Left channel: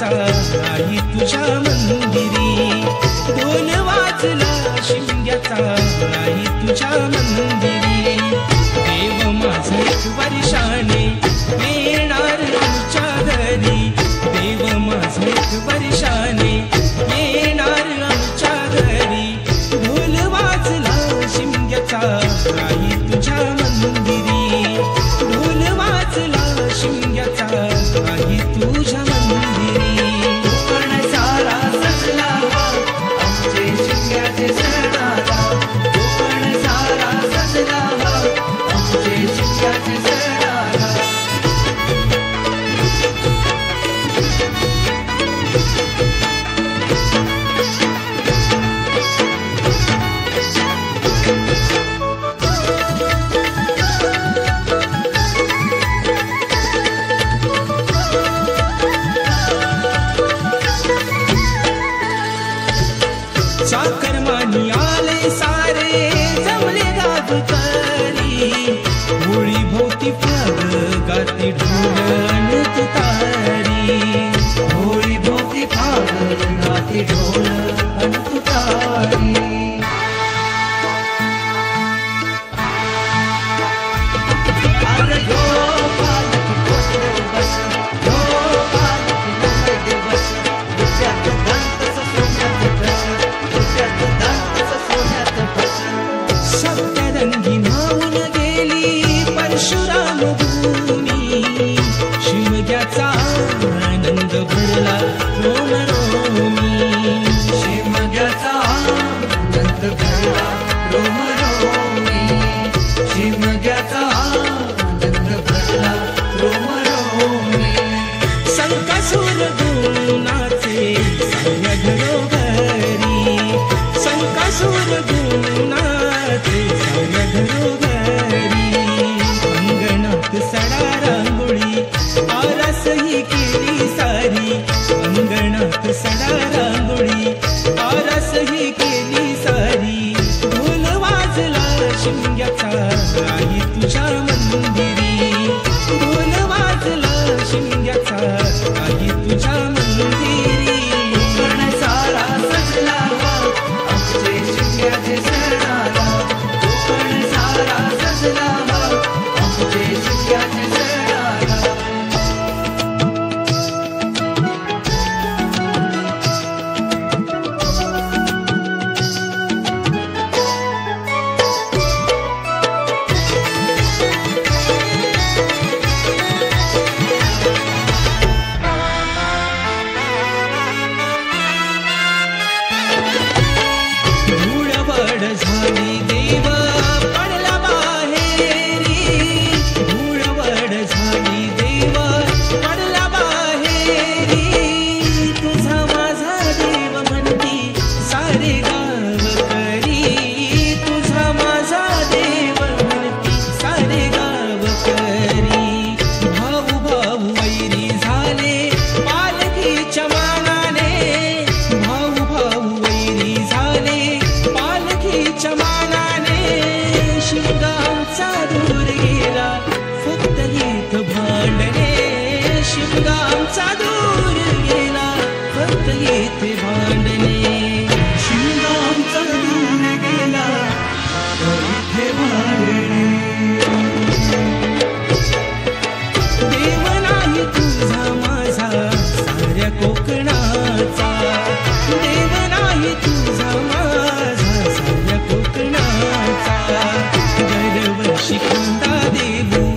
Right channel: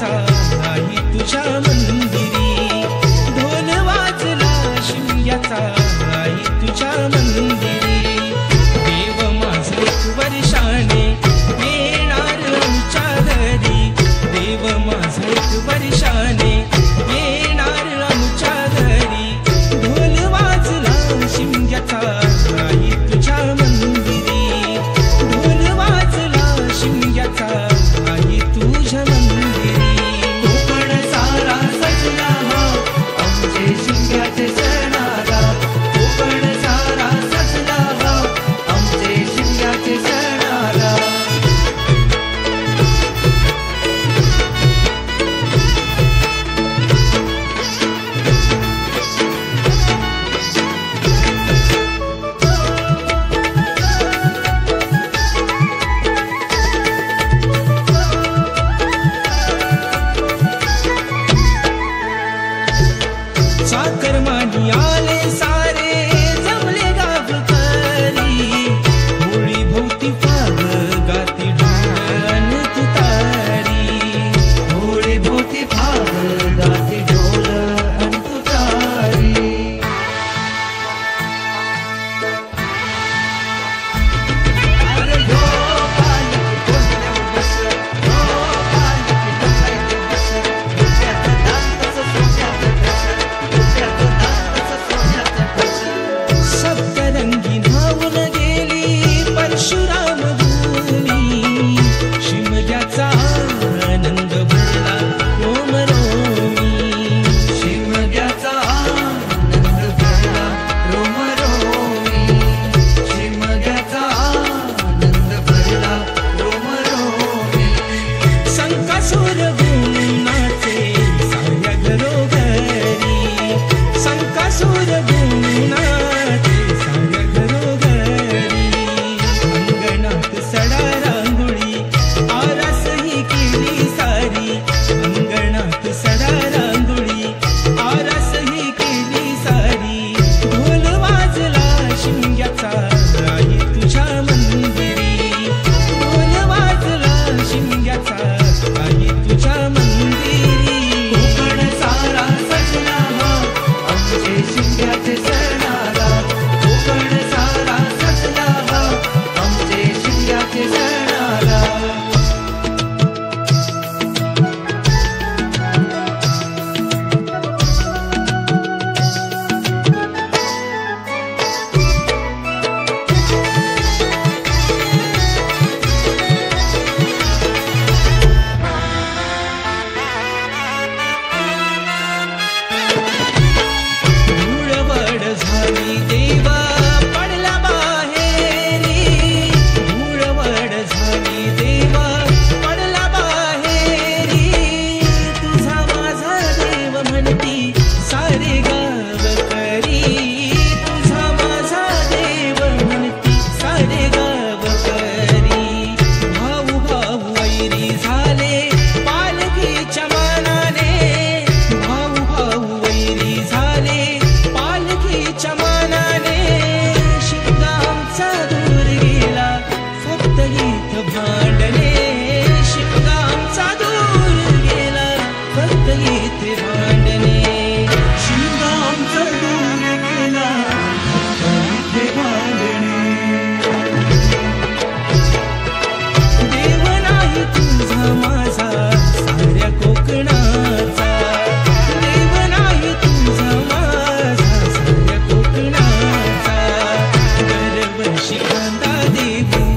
शिमग्याचा आई तुझ्या मंदिरी, ढोल वाजला शिमग्याचा आई तुझ्या मंदिरी। देव माझा एक वर्षाने येणार आमच्या घरी, देव माझा एक वर्षाने येणार आमच्या घरी। ढोल वाजला शिमग्याचा आई तुझ्या मंदिरी, ढोल वाजला शिमग्याचा आई तुझ्या मंदिरी। कोकण सारा सजला आमचे शिमग्याचे सणाला, कोकण सारा सजला आमचे शिमग्याचे सणाला। चाकरमानी आले सारे जमले गावकरी, होळी भोवती फाग गाती ढोल अन तुतारी, होळी भोवती फाग गाती ढोल अन तुतारी। अरे हो पालकी गोंधळ बस, हो पालकी नवरे बस, त्यात दांतच सोन्याचं कस, त्यात दांतच सोन्याचं कस। सप्तरंगी न्हावून गेली परशुराम भूमी, शिमग्याचा आनंद भरला रोम रोमी, शिमग्याचा आनंद भरला रोम रोमी, शिमग्याचा आनंद भरला रोम रोमी। संकासूर गुणाचे साऱ्या घरोघरी, संकासूर गुणाचे साऱ्या घरोघरी। अंगणात सडा रांगोळी आरास ही केली सारी, अंगणात सडा रांगोळी आरास ही केली सारी। ढोल वाजला शिमग्याचा आई तुझ्या मंदिरी, ढोल वाजला शिमग्याचा आई तुझ्या मंदिरी। कोकण सारा सजला आमचे शिमग्याचे सणाला, कोकण सारा सजला आमचे शिमग्याचे सणाला। धूळवड झाली देव पडला बाहेरी, धूळवड झाली देव पडला बाहेरी। तुझा माझा देव म्हणती सारे गावकरी, तुझा माझा देव म्हणती सारे गावकरी। भाऊ भाऊ वैरी झाले पालखीच्या मानाने, भाऊ भाऊ वैरी झाले पालखीच्या मानाने। शिमगा आमचा दूर गेला फक्त गीत भांडणे, शिमगा आमचा दूर गेला फक्त गीत भांडणे। शिमगा आमचा दूर गेला फक्त गीत भांडणे। देव नाही तुझा माझा साऱ्या कोकणाचा, देव नाही तुझा माझा साऱ्या कोकणाचा। दरवर्षी खांदा देऊ